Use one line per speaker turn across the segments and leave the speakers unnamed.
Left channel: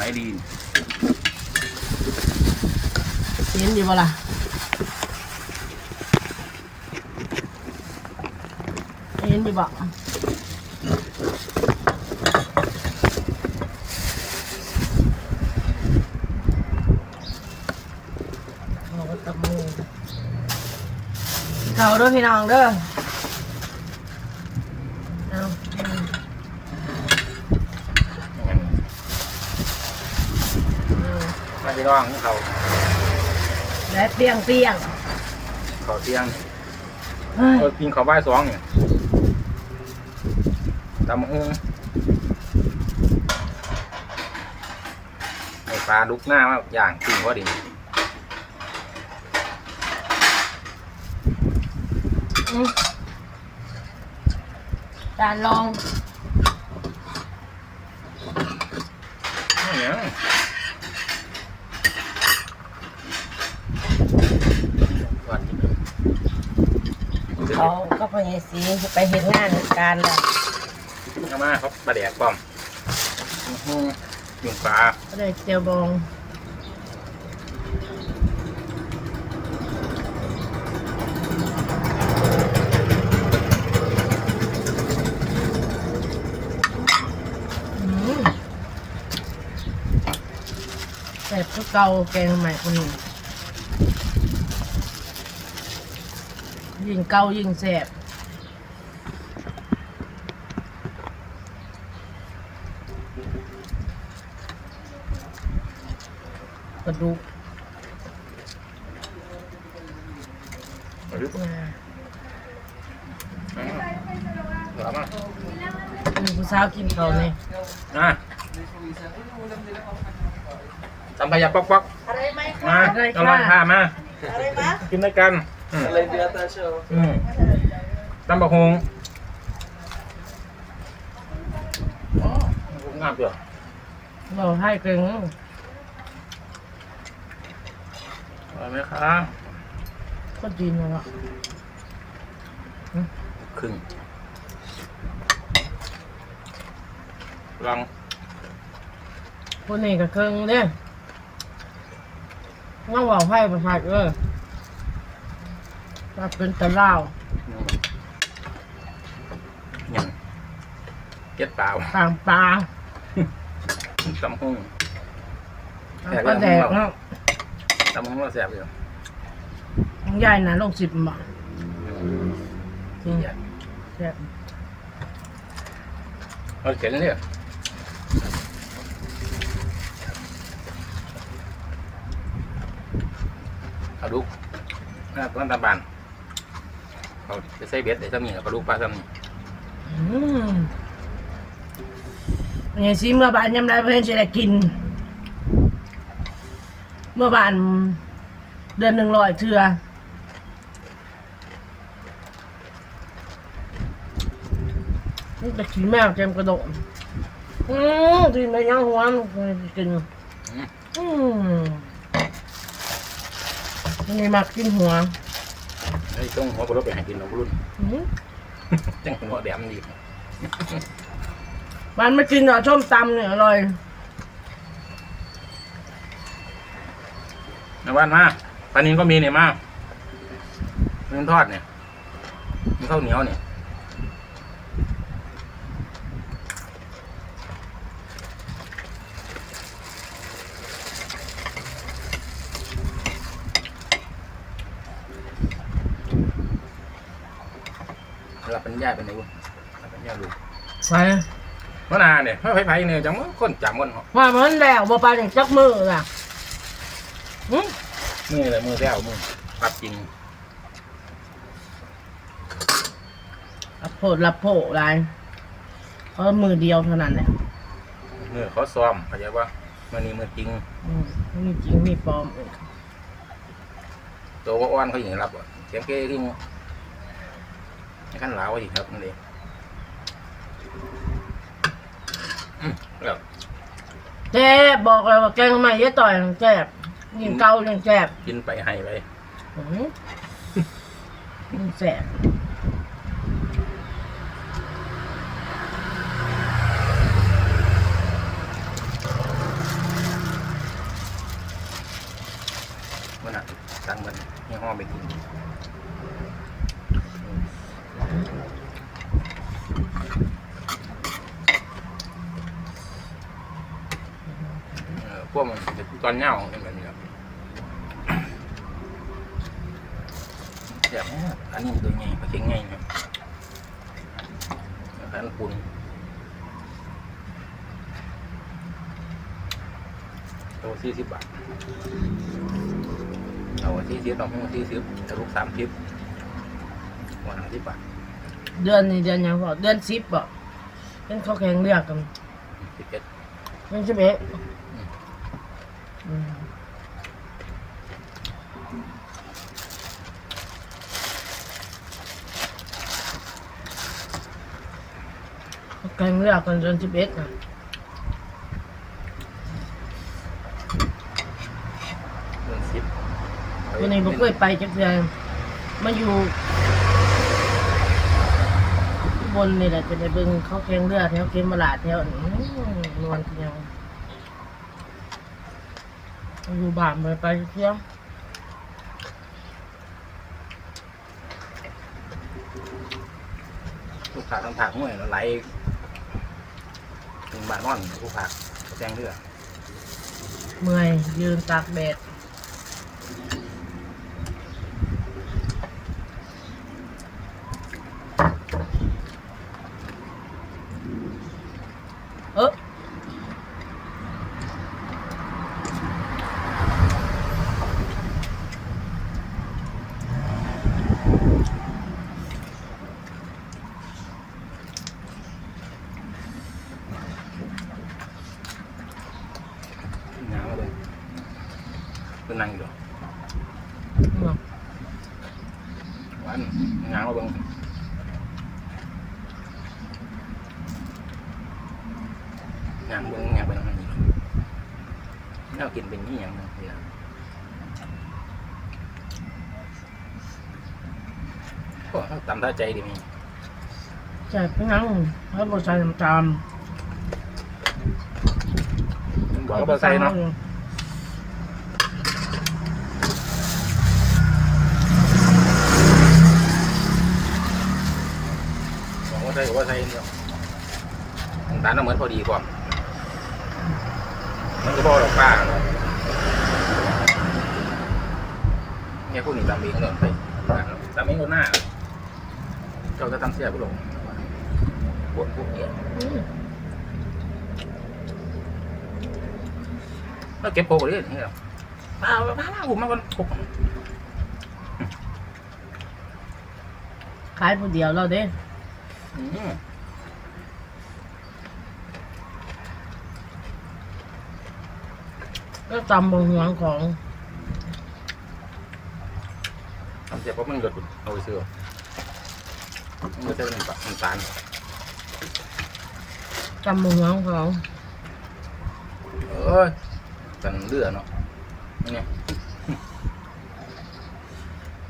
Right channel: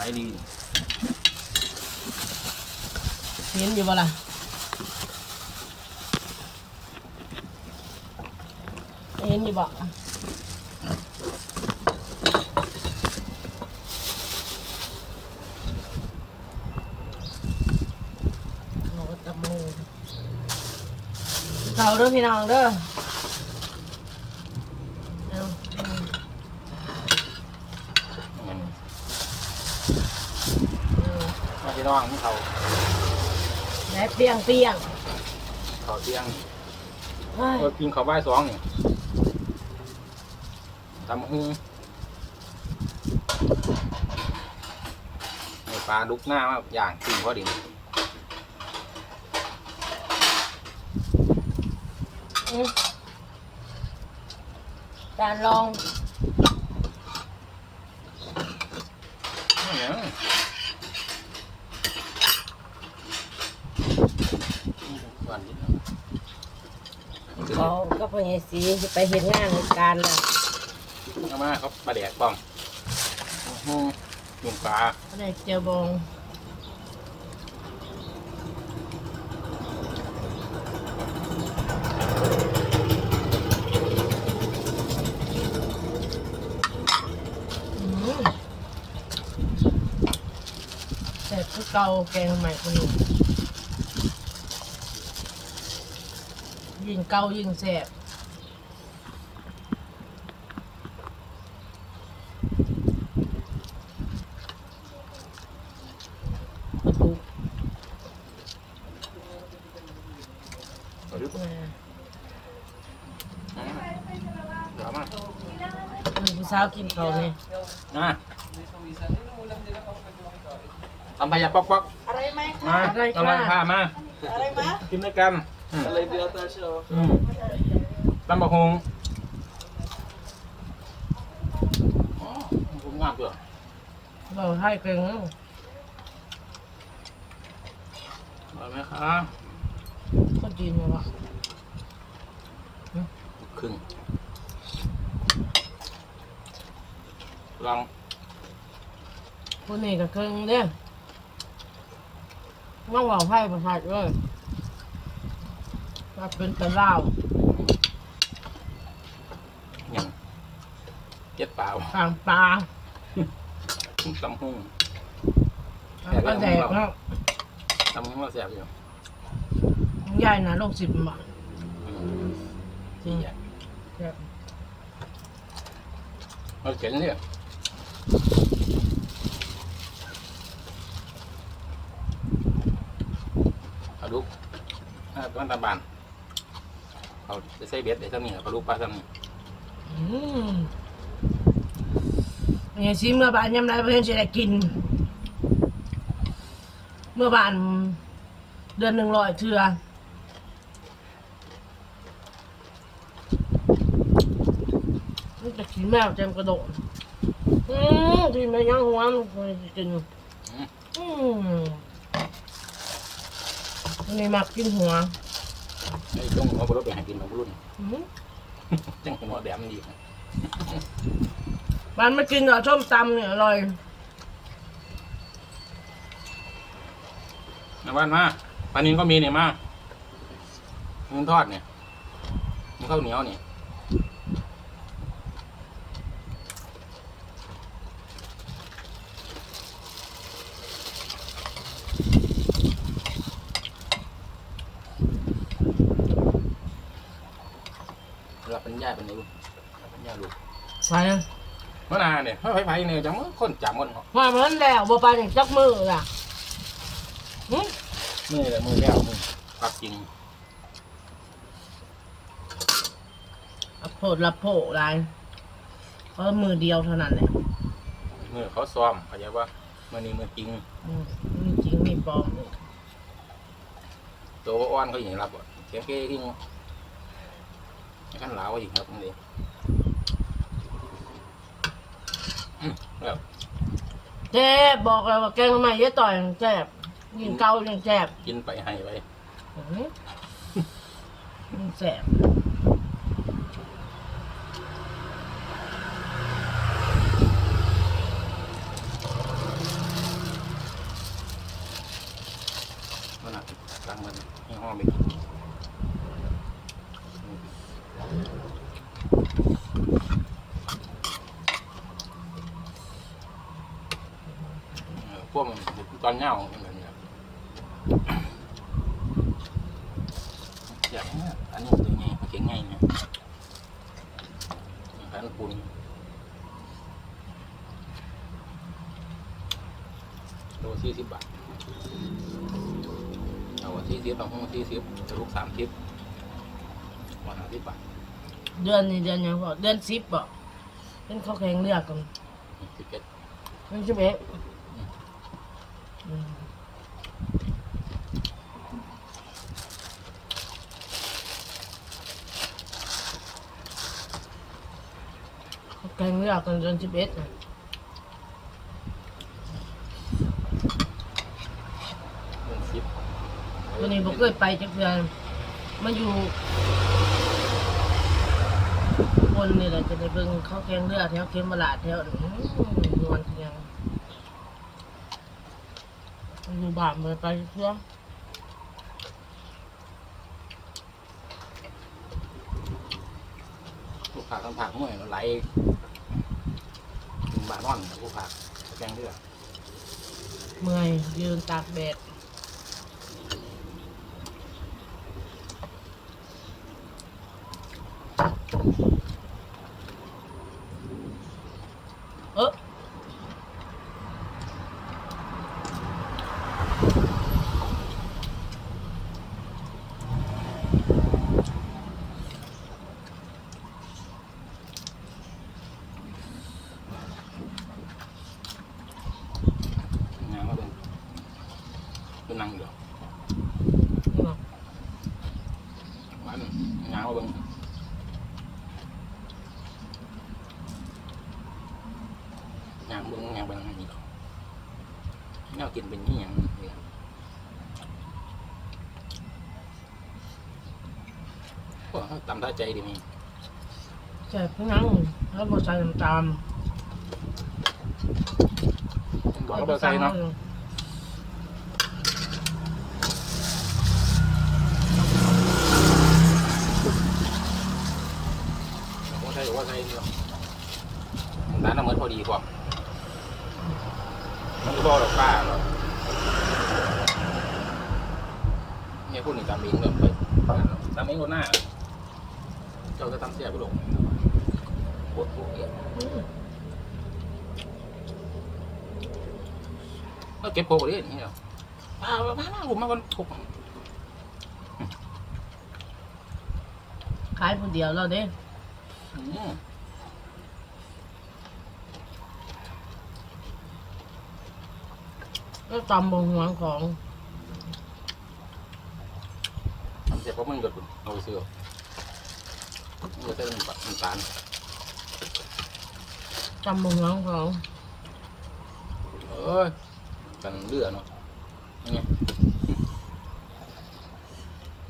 ไรดี
เห็นอยู่บ่ล่ะเห็นอยู่บ่เขาเด้อพี่น้องเด้อเอาอืม เอา
มาที่ร่องเขา
และเปรี้ยงเปรี้ยง
เขาเตียง
เฮ้ย
เออกินเขาวบ่ายสองเนี่ยตำอื้อในปลาลุกหน้าว่าอย่างกินพอดี
อืมจานลอง
อื้อเนี่ยวัด
เขาก็พยายสีไปเห็นงานเหตุการณ์แล้ว
เอามาเขาปลาแดกป้อมอื้อหือหนึ่งปลา
ก็เลยเจียวบองอืมแต่พวกเก่าแกงใหม่คนนี้ยิ่งเก่ายิ่งแสบ ปลาดุก
เอาดิ
อ่า
อื้อเอามา
คือผู้สาวกินเขาวเนี่ย
อะตำพยาป๊อกป๊อก
อะไรไหม
มาตำลังผ้ามา
อะไรมะ
กินด้วยกันอืม
อะไรเดือดตาเชียว
อืมตำบักฮงอ๋อผมงามเปล่า
เราให้เก่ง
อร่อย ไหมคะ
ก็ดีนะวะ
ครึ่งลอง
คนนี้ก็เคิงเนี่ยต้องบอกให้ประผัดเลยถ้าเป็นตะเล่าว
อย่างเจ็ดเปล่า
ต่างปลา
ตำฮง
แล้วก็แดกเนาะ
ตำฮงว่าแซ่บอยู่
ยายนะโลกสิบมาจริง
ใหญ่
แซ่บ
เอาเจ๋งเลยเอาลูกอ่าต้นตะบานเขาจะใส่เบ็ดได้ซ้ำนี่แล้วก็ลูกปลาซ้ำนี่
อืมเป็นไงซิเมื่อบานยำไรเพื่อนจะได้กินเมื่อบานเดือนหนึ่งร้อยเทือนี่จะขี้แมวเต็มกระโดดอืมกินไปยังหัวมันกิน
อืม
อืมนี่มักกินหัว
ไอ้ช่วงหัวกระโดดไปให้กินเรารุ่น
อืม
จังหัวแดมดี
มันไม่กินหรอกส้มตำเนี่ยอร่อย
ในบ้านมาปลานินก็มีเนี่ยมาเนื้อทอดเนี่ยมีข้าวเหนียวเนี่ยรับปัญญาเป็นไงวะรับปัญญาดู
ไป
เมื่อนาเนี่ยไม่ไผ่ไผ่เนี่ยจังว่าคนจำคนเหรอ
ว่ามันแล้วมาปลาอย่างจักมือล่ะอืม
นี่แหละมือแล้วมือปรับจริง
รับโผดรับโผดอะไรเพราะมือเดียวเท่านั้นแหละ
มือเขาซ้อมเข้าใจว่ามือนี้มือจริง
อืมมีจริงมีปลอม
ตัวอ้อนเขาอย่างรับอะเสียงเก้ที่งูไม่ขั้นหลาวอีกครับนั่นเองอืมแล้ว
แจ๊บบอกเลยว่าแกงใหม่ยะต่อยแจ๊ กินเกาจังแซ่บ
กินไปให้ไป
ยันแซ่บ
มันอะตงมันยี่ห้อไกนเพวกมันจะตอนเน่าเป็นไง นี่ยอันนี้ตัวใหญ่ปลาเค็งใหญ่เนี่ยเดี๋ยวพันปุ่นโลสี่สิบบาทเอาที่ซิปเอาห้องที่ซิปจะลูกสามซิปวันละสิบบาท
เดือนนี้เดือนหยังบ่เดือนสิบบ่เดือนเขาแข่งเลือกกัน
สิบเอ็ด
เดือนสิบเอ็ด เขาแข่งเลือกกันเดือนสิบเอ็ดน่ะ
เงินซิป
ตัวนี้บ่เคยไปจักเทื่อมาอยู่บนนี่แหละจะไปเบิ่งเขาแข่งเรือแถวเขมราชแถวอันนี้นวลเพียงอยู่บ้านไปไปเที่ยว
ลูกผักทั้งผักมั่วไหลหนึ่ง บานอนผู้ผักแจ้งเรือ
เมื่อยยืนตากแดดเออ
งานมาเลยเป็นนั่งอยู่วันงานมาเบิ่งงานเบิ่งงานไปทางไหนอีกน่า กินเป็นนี่อย่างนี้นะโอ้ตำท่าใจดีมี
ใช่พี่นังให้บทใส่น้ำตาล
บอกก็บอใส่เนาะบอกว่าใส่ก็บ่ใส่เนาะร้านน้ำมันพอดีกว่ามันก็บอกหรอกป้าเนาะเนี่ยพูดนี่ตามเองเนาะไปป้าเนาะตามเองคนหน้าเจ้าจะทำเสียไปหลงปวดพวกเนี้ย
อืม
แล้วเก็บโพกเลยนี่เหรอป้าป้าป้าผมมาวันหก
ขายผู้เดียวเราเด้
อืม
ก็ตำบงหวงของ
ทำเสร็จปั๊บมันก็เอาไปซื้อมันก็จะเป็นแบบน้ำตาล
ตำบงหวงของ
เอ้ยกันเลือดเนาะนี่ไง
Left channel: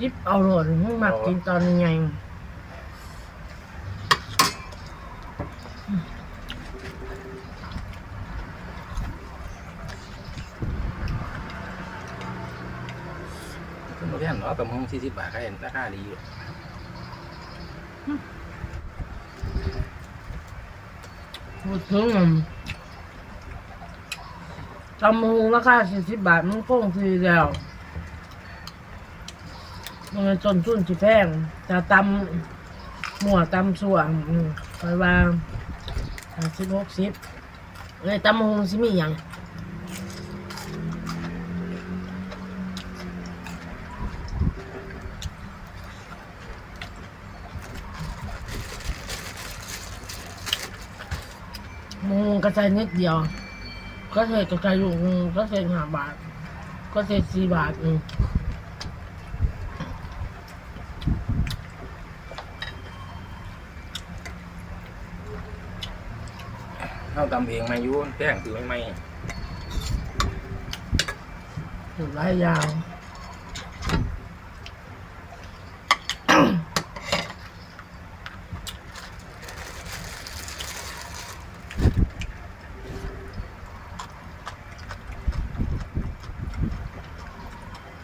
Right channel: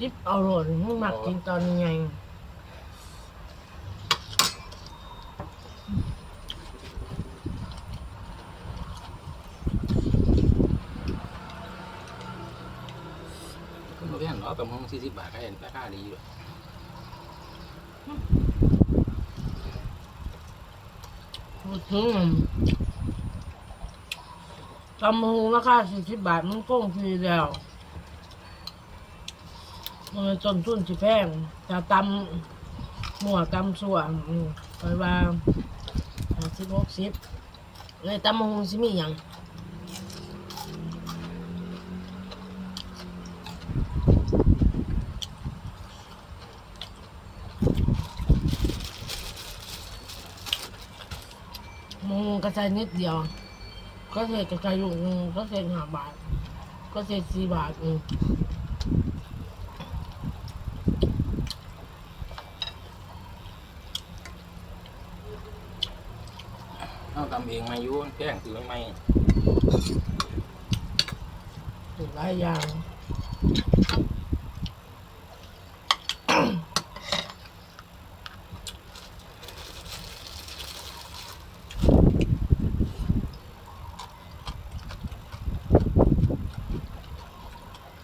ยิบเอาโหลดมันมักกินตอนยังไง
ขึ้นมาแค่เนาะตำห้อง สี่สิบบาทให้ราคาดีอยู่
พูดถึงตำหูราคาสี่สิบบาทมันคงทีแล้วมันต้นทุนที่แพงจะตำหมวตำส่วอืมคอยว่าห้าสิบหกสิบเลยตำหูสิมีอย่าง อืมก ระจายนิดเดียว ก็ใส่กระจายอยู่อืมก็ใส่ห้าบาท ก็ใส่สี่บาทอืม
เอาตำเองมาอยู่แพงซื้อไม่ไม่
ถือหลายอยาง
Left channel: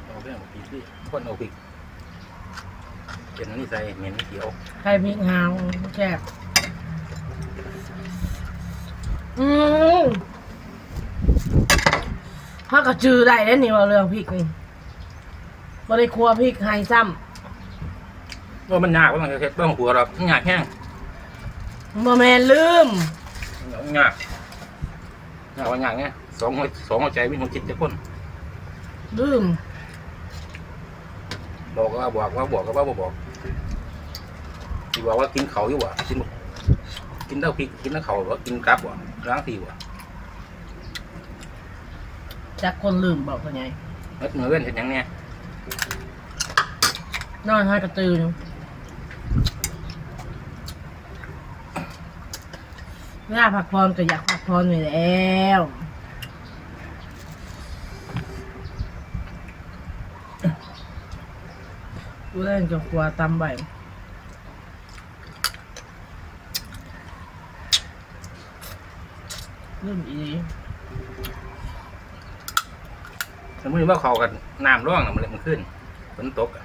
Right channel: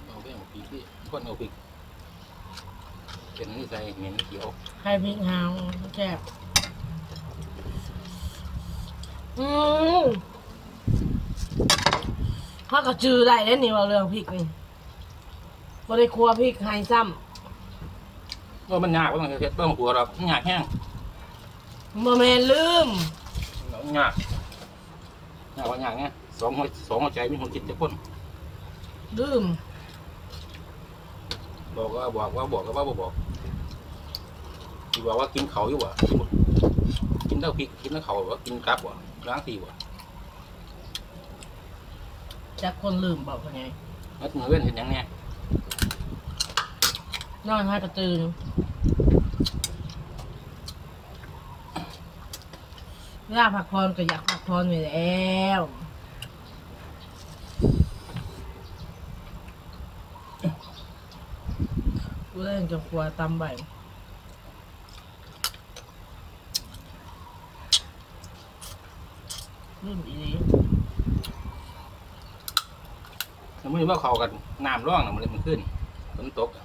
เอาแพงกว่าปีพี่ คนเอาพริกเป็นนี่ใส่เหม็นเขียว
ไข่พริกหาวแค่บอืมถ้าก็จือได้แล้วนี่ว่าเรื่องพริกนี่บ่ได้ครัวพริกไห้ซ้
ว่ามันยากว่ามันเฮ็ดบ้างหัวหรอกมันยากแห้งำ
บ่แม่นลืม
มันยากยากว่ายากไงสองหัวสองหัวใจมีหัวจิตจะคน
ลืม
บอกก็ว่าบอกว่าบอกก็ว่าบ่บอก ที่บอกว่ากินเขาอยู่ว่ะกินบ่กินเท่าพริกกินเท่าเขาว่ากินกลับว่ะล้างทีว่ะ
จักคนลืมบอกเขาไง
แล้วเหมือนเว้นเห็นยังเนี่ย
นอนให้กระตือนเวลาพักผ่อนก็อยากพักผ่อนอยู่แล้วกูเล่นกับครัวตำใบ ลืมอี
สมมติว่าเขากันน้ำร่องน่ะมันเลยมันขึ้นฝนตกอะ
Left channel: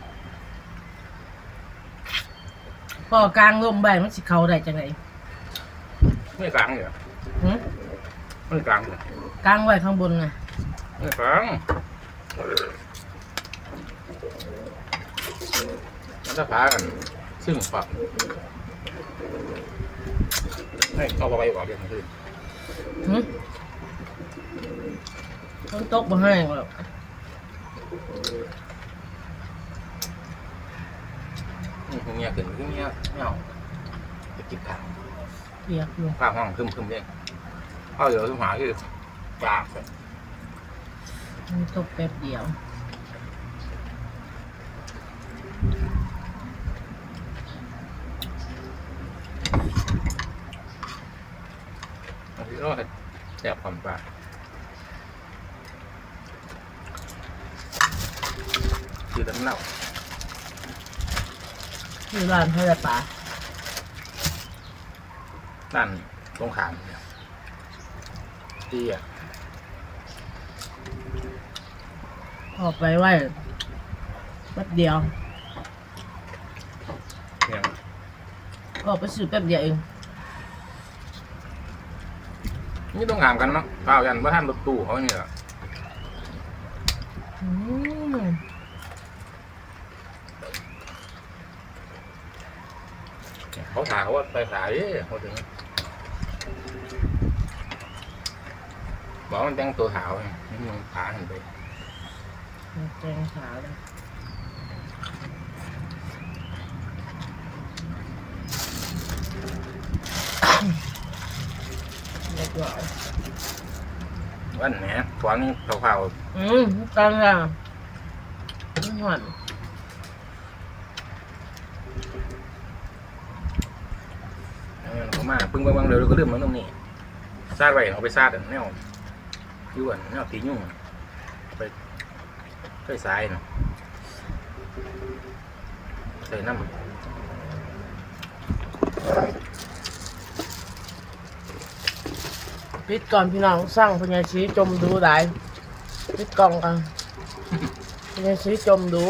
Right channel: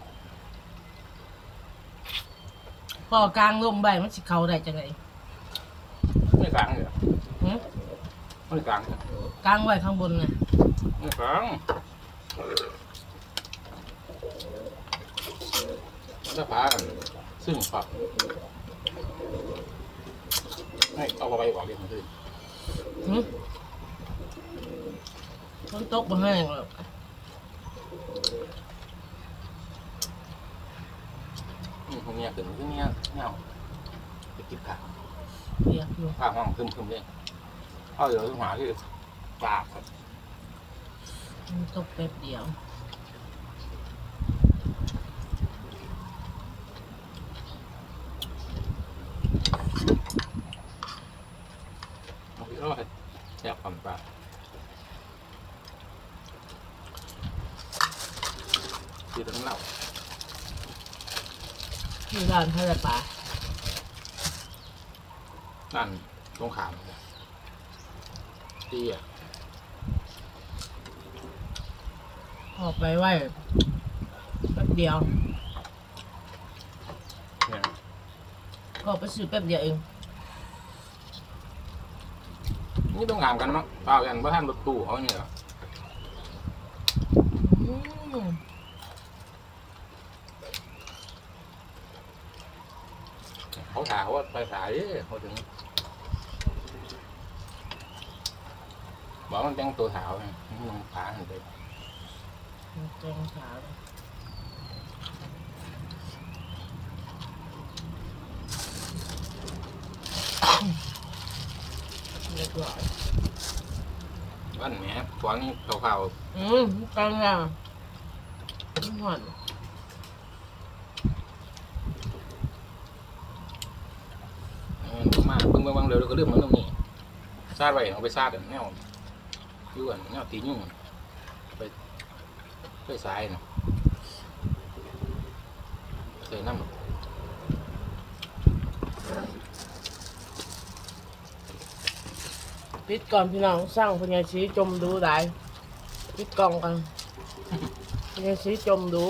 พอกลางลมใบมันสิเขาได้จังไง
ไม่กลางเลย
หึ
ไม่กลางเลย
กลางไว้ข้างบนน่ะ
ไม่กลางมันจะพากัน ซึ่งฝักนี่เอาไปบอกอย่างนี้
หึมันตกมาให้หรอก
อืมเงี้ยขึ้นเงี้ยเงี้ยจะกินข้าว
เปียกอยู่
ข้าวห้องคึมคึมๆเองเอาเดี๋ยวทุกหาคือปากไป
มันตกแป๊บเดียว
เอาที่เอาแสบความปากคือน้ำเหล้า
ที่ร้านเขาได้ปลา
ด้านตรงขามเนี่ยที่อะ
ออกไปไว้แป๊บเดียว
เนี่ย
ออกไปซื้อแป๊บเดียวเอง
นี่ต้องถามกันมั้งเปล่ายันว่าท่านรถตู้เขาเนี่ยเขาถามว่าไปสายเขาถึงบอกมันแต่งตัวขาวไงนี่มึงขาเห็นไป
แกงขาเลยเรียบร้อย
วันแหมตอนนี้ขาว
อืมกันอะไม่หวาน
ๆเออรู้มากเพิ่งไปวางเร็วก็ลืมมันตรงนี้ซาดไว้เอาไปซาดอันแนวยุ่อันแนวตียุ่งอะเอาไปใส่สายเนาะใส่น้ำ
ปิดก่อนพี่น้องสร้างพญาชีจมดูได้ปิดกล่องกันพญาชีจมดู